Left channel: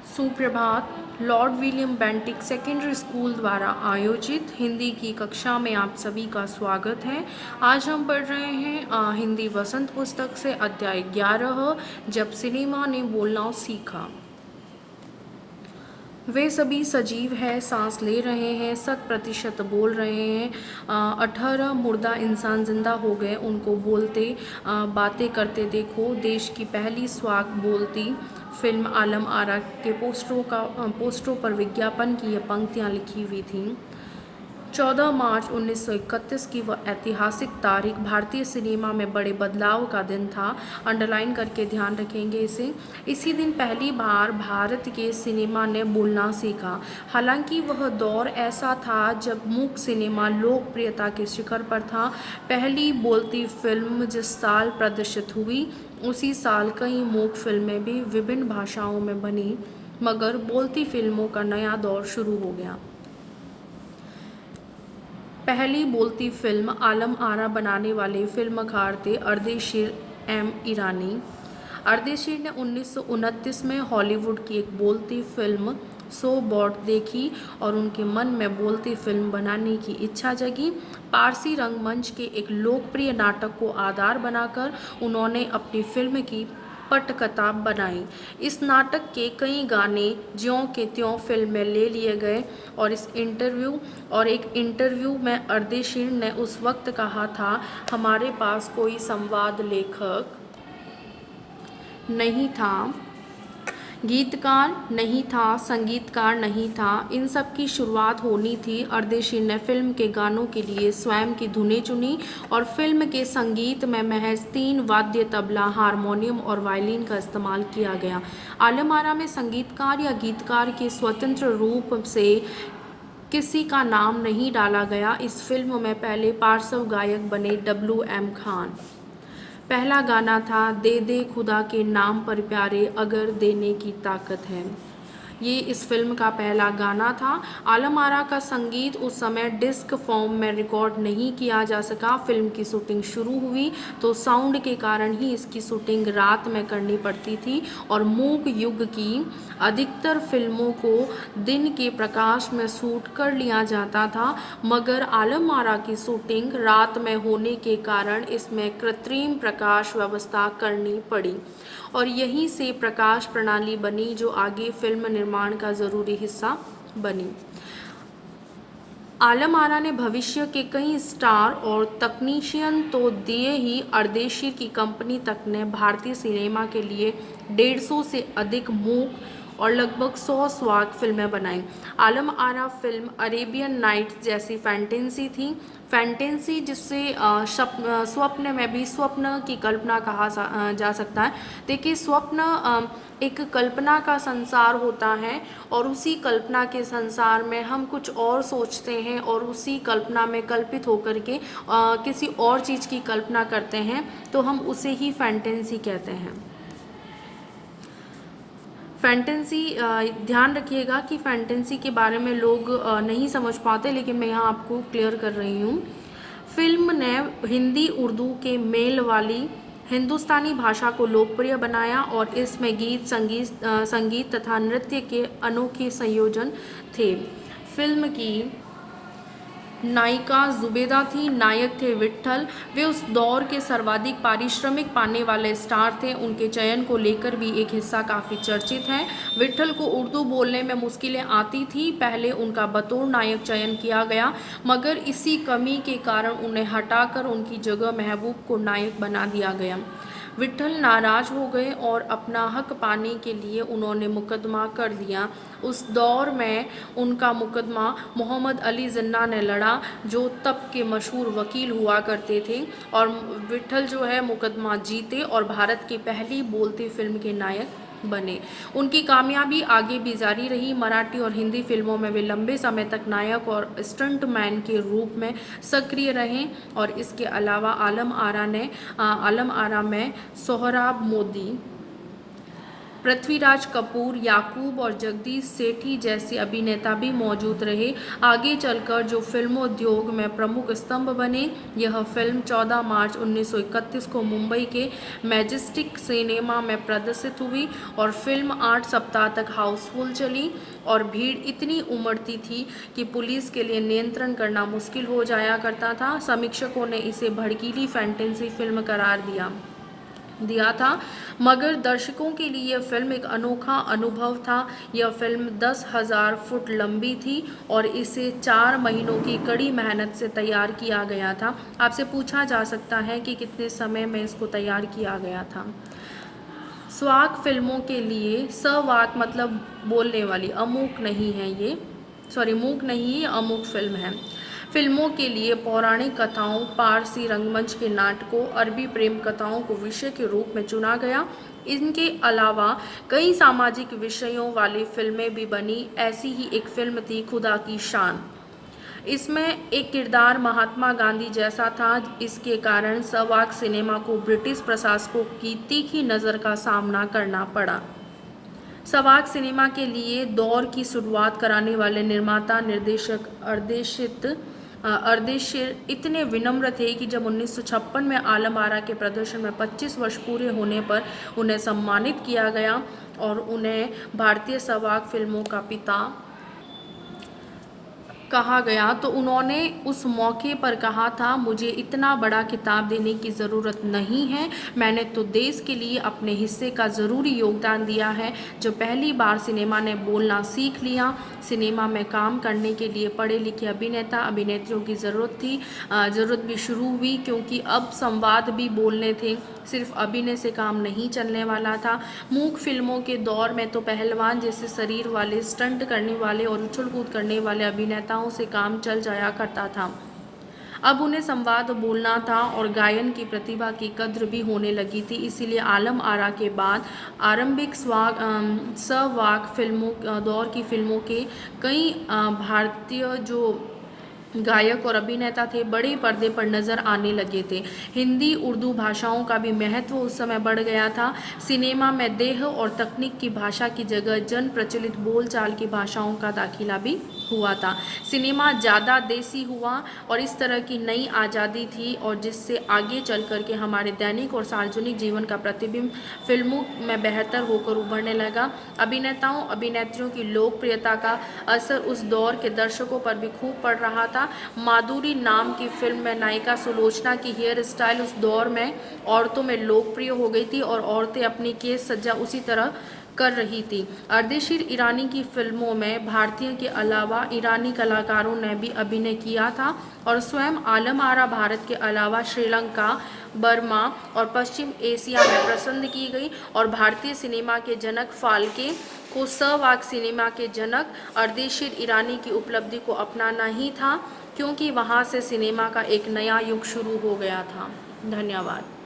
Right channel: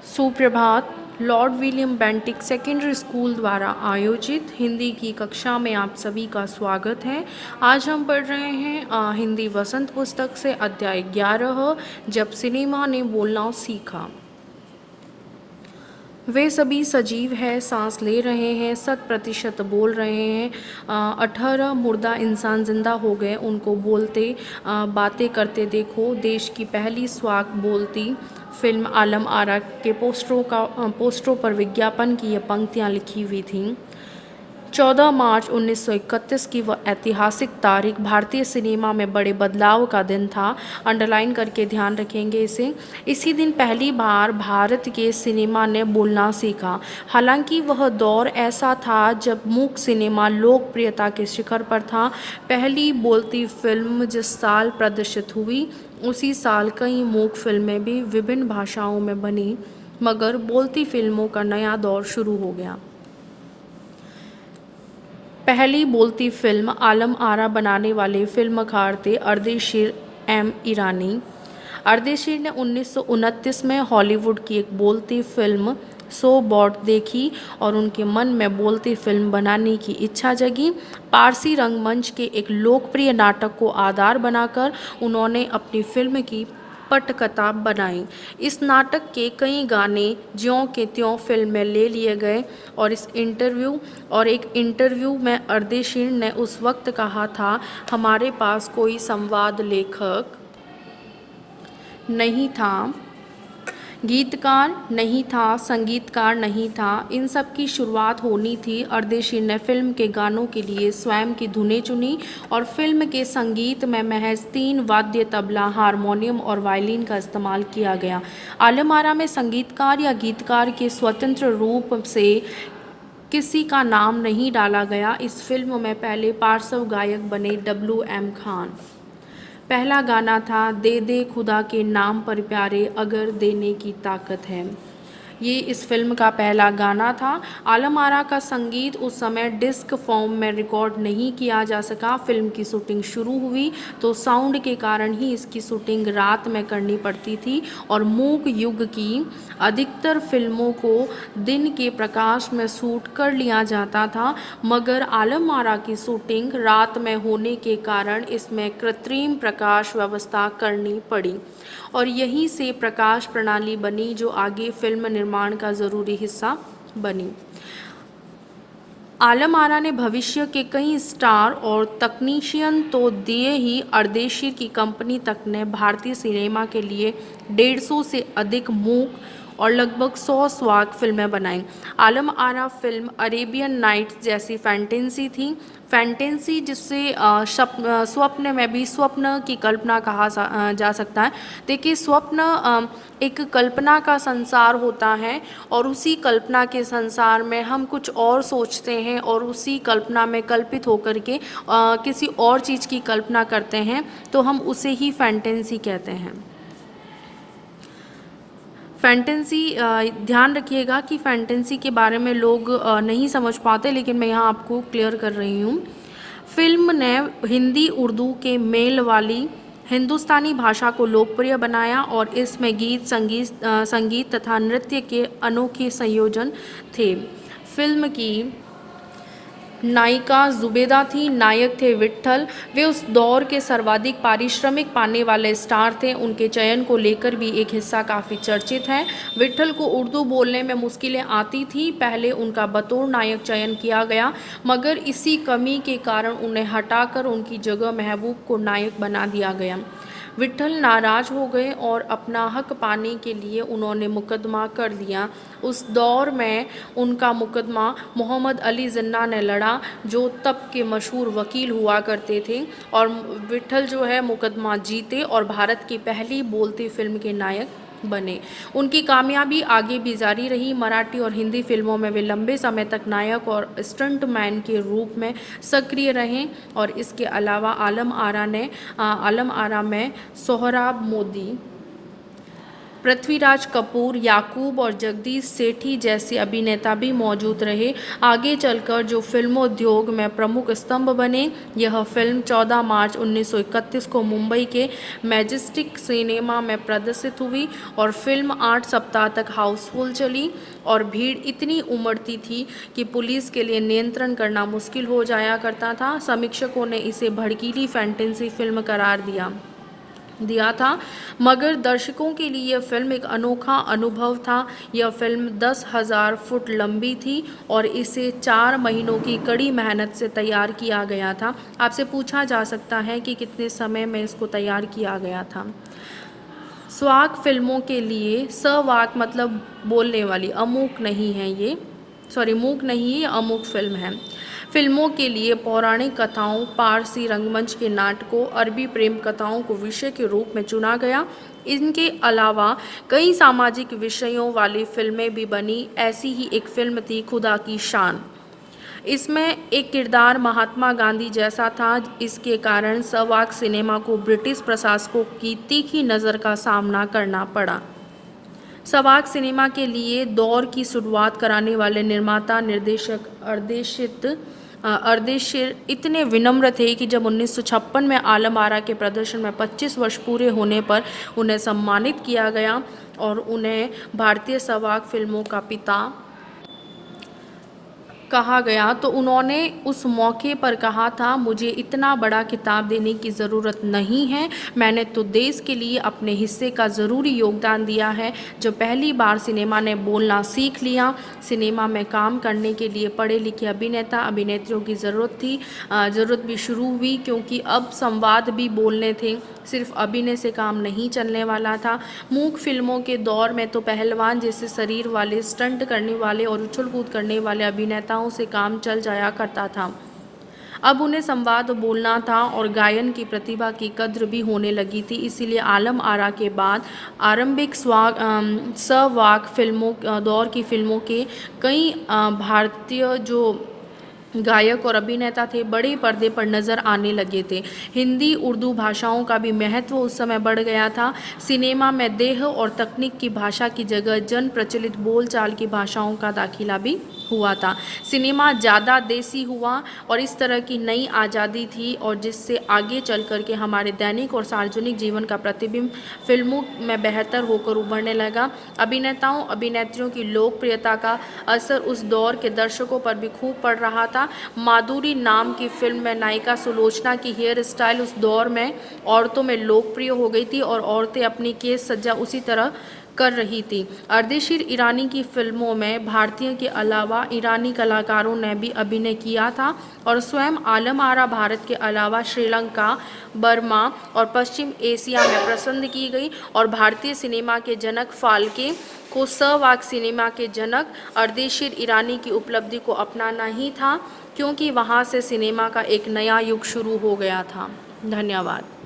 सुप्रभात। Lord William Bentinck secondary school द्वारा आयोजित हिंदी की कक्षा में आप सभी का स्वागत है। आज हम पढ़ रहे हैं हिंदी वसंत पुस्तक से अध्याय 11, जब सिनेमा ने बोलना सीखा। वे सभी सजीव हैं, सांस ले रहे हैं, 100% बोल रहे हैं। 18 मुर्दा इंसान जिंदा हो गए, उनको बोलते बातें करते देखो। देश की पहली स्वाक बोलती फिल्म आलम आरा के पोस्टरों पर विज्ञापन की ये पंक्तियाँ लिखी हुई थीं। 14 मार्च 1931 की वह ऐतिहासिक तारीख भारतीय सिनेमा में बड़े बदलाव का दिन था। अंडरलाइन करके ध्यान रखेंगे इसे। इसी दिन पहली बार भारत के सिनेमा ने बोलना सीखा। हालांकि वह दौर ऐसा था जब मूक सिनेमा लोकप्रियता के शिखर पर था। पहली बोलती फिल्म जिस साल प्रदर्शित हुई, उसी साल कई मूक फिल्में भी विभिन्न भाषाओं में बनी, मगर बोलती फिल्मों का नया दौर शुरू हो गया। पहली बोलती फिल्म आलम आरा बनाने वाले फिल्मकार थे अर्देशीर एम ईरानी। अर्देशीर ने 1929 में हॉलीवुड की एक बोलती फिल्म सो बॉट देखी और उनके मन में बोलती फिल्म बनाने की इच्छा जगी। पारसी रंगमंच के एक लोकप्रिय नाटक को आधार बनाकर उन्होंने अपनी फिल्म की पटकथा बनाई। इस नाटक के कई गाने ज्यों के त्यों फिल्म में ले लिए गए और एक इंटरव्यू में अर्देशीर ने उस वक्त कहा था, हमारे पास कोई संवाद लेखक नहीं था, गीतकार नहीं था, संगीतकार नहीं था, इन सब की शुरुआत होनी थी। अर्देशीर ने फिल्म के गानों के लिए स्वयं की धुनें चुनी और फिल्म के संगीत में महज 3 वाद्य तबला, हारमोनियम और वायलिन का इस्तेमाल किया गया। आलम आरा में संगीतकार या गीतकार के स्वतंत्र रूप से किसी का नाम नहीं डाला गया। इस फिल्म में पहले पार्श्व गायक बने WM खान। पहला गाना था दे दे खुदा के नाम पर प्यारे, अगर देने की ताकत है। ये इस फिल्म का पहला गाना था। आलम आरा का संगीत उस समय डिस्क फॉर्म में रिकॉर्ड नहीं किया जा सका। फिल्म की शूटिंग शुरू हुई तो साउंड के कारण ही इसकी शूटिंग रात में करनी पड़ती थी और मूक युग की अधिकतर फिल्मों को दिन के प्रकाश में शूट कर लिया जाता था, मगर आलम आरा की शूटिंग रात में होने के कारण इसमें कृत्रिम प्रकाश व्यवस्था करनी पड़ी और यहीं से प्रकाश प्रणाली बनी जो आगे फिल्म निर्माण का ज़रूरी हिस्सा बनी। आलम आरा ने भविष्य के कई स्टार और तकनीशियन तो दिए ही, अर्देशीर की कंपनी तक ने भारतीय सिनेमा के लिए 150 से अधिक मूक और लगभग 100 स्वाक फिल्में बनाई। Alam Ara film Arabian nights जैसी फैंटेसी थी। फैंटेसी जिससे स्वप्न में भी स्वप्न की कल्पना कहा जा सकता है। देखिए, स्वप्न एक कल्पना का संसार होता है और उसी कल्पना के संसार में हम कुछ और सोचते हैं और उसी कल्पना में कल्पित होकर के किसी और चीज़ की कल्पना करते हैं, तो हम उसे ही फैंटेसी कहते हैं। फैंटेसी, ध्यान रखिएगा कि फैंटेसी के बारे में लोग नहीं समझ पाते, लेकिन मैं यहाँ आपको क्लियर कर रही हूँ। फिल्म ने हिंदी उर्दू के मेल वाली हिंदुस्तानी भाषा को लोकप्रिय बनाया और इसमें संगीत तथा नृत्य के अनोखे संयोजन थे। फिल्म की नायिका जुबेदा थी, नायक थे विट्ठल। वे उस दौर के सर्वाधिक पारिश्रमिक पाने वाले स्टार थे। उनके चयन को लेकर भी एक हिस्सा काफ़ी चर्चित है। विट्ठल को उर्दू बोलने में मुश्किलें आती थी। पहले उनका बतौर नायक चयन किया गया, मगर इसी कमी के कारण उन्हें हटाकर उनकी जगह महबूब को नायक बना दिया गया। विट्ठल नाराज हो गए और अपना हक पाने के लिए उन्होंने मुकदमा कर दिया। उस दौर में उनका मुकदमा मोहम्मद अली जिन्ना ने लड़ा, जो तब के मशहूर वकील हुआ करते थे, और विट्ठल जो है मुकदमा जीते और भारत की पहली बोलती फिल्म के नायक बने। उनकी कामयाबी आगे भी जारी रही। मराठी और हिंदी फिल्मों में वे लंबे समय तक नायक और स्टंटमैन के रूप में सक्रिय रहे और इसके अलावा आलम आरा में सोहराब मोदी, पृथ्वीराज कपूर, याकूब और जगदीश सेठी जैसे अभिनेता भी मौजूद रहे। आगे चलकर जो फिल्मोद्योग में प्रमुख स्तंभ बने। यह फिल्म 14 मार्च 1931 को मुंबई के मैजेस्टिक सिनेमा में प्रदर्शित हुई और फिल्म 8 सप्ताह तक हाउसफुल चली और भीड़ इतनी उमड़ती थी कि पुलिस के लिए नियंत्रण करना मुश्किल हो जाया करता था। समीक्षकों ने इसे भड़कीली फैंटेसी फिल्म करार दिया था, मगर दर्शकों के लिए यह फिल्म एक अनोखा अनुभव था। यह फिल्म 10,000 फुट लंबी थी और इसे 4 महीनों की कड़ी मेहनत से तैयार किया गया था। आपसे पूछा जा सकता है कि कितने समय में इसको तैयार किया गया था। स्वाक फिल्मों के लिए, सवाक मतलब बोलने वाली, अमूक नहीं है ये, सॉरी मूक नहीं, ये अमूक फिल्म है। फिल्मों के लिए पौराणिक कथाओं, पारसी रंगमंच के नाटकों, अरबी प्रेम कथाओं को विषय के रूप में चुना गया। इनके अलावा कई सामाजिक विषयों वाली फिल्में भी बनी। ऐसी ही एक फिल्म थी खुदा की शान। इसमें एक किरदार महात्मा गांधी जैसा था। इसके कारण सवाक सिनेमा को ब्रिटिश प्रशासकों की तीखी नज़र का सामना करना पड़ा। सवाक सिनेमा के लिए दौर की शुरुआत कराने वाले निर्माता निर्देशक अर्देशीर इतने विनम्र थे कि जब 1956 में आलम आरा के प्रदर्शन में 25 वर्ष पूरे होने पर उन्हें सम्मानित किया गया और उन्हें भारतीय सवाक फिल्मों का पिता कहा गया, तो उन्होंने उस मौके पर कहा था, मुझे इतना बड़ा खिताब देने की ज़रूरत नहीं है, मैंने तो देश के लिए अपने हिस्से का ज़रूरी योगदान दिया है। जो पहली बार सिनेमा ने बोलना सीख लिया, सिनेमा में काम करने के लिए पढ़े लिखे अभिनेता अभिनेत्रियों की ज़रूरत भी शुरू हुई, क्योंकि अब संवाद भी बोलने थे, सिर्फ अभिनय से काम नहीं चलने वाला था। मूक फिल्मों के दौर में तो पहलवान जैसे शरीर वाले, स्टंट करने वाले और उछल कूद करने वाले अभिनेताओं से काम चल जाया करता था। अब उन्हें संवाद बोलना था और गायन की प्रतिभा की कद्र भी होने लगी थी। इसीलिए आलम आरा के बाद आरंभिक सवाक फिल्मों दौर की फिल्मों के कई भारतीय जो गायक और अभिनेता थे बड़े पर्दे पर नज़र आने लगे थे। हिंदी उर्दू भाषाओं का भी महत्व उस समय बढ़ गया था। सिनेमा में देह और तकनीक की भाषा की जगह जन प्रचलित बोलचाल की भाषाओं का दाखिला भी हुआ था। सिनेमा ज़्यादा देसी हुआ और इस तरह की नई आज़ादी थी और जिससे आगे चल कर के हमारे दैनिक और सार्वजनिक जीवन का प्रतिबिंब फिल्मों में बेहतर होकर उभरने लगा। अभिनेताओं अभिनेत्रियों की लोकप्रियता का असर उस दौर के दर्शकों पर भी खूब पड़ रहा था। माधुरी नाम की फिल्म में नायिका सुलोचना की हेयर स्टाइल उस दौर में औरतों में लोकप्रिय हो गई थी और औरतें अपनी केस सज्जा उसी तरह कर रही थी। अर्देशीर ईरानी की फिल्मों में भारतीयों के अलावा ईरानी कलाकारों ने भी अभिनय किया था और स्वयं आलम आरा भारत के अलावा श्रीलंका, बर्मा और पश्चिम एशिया में पसंद की गई और भारतीय सिनेमा के जनक फाल्के को सवाक सिनेमा के जनक अर्देशीर ईरानी की उपलब्धि को अपनाना ही था, क्योंकि वहाँ से सिनेमा का एक नया युग शुरू हो गया था। धन्यवाद।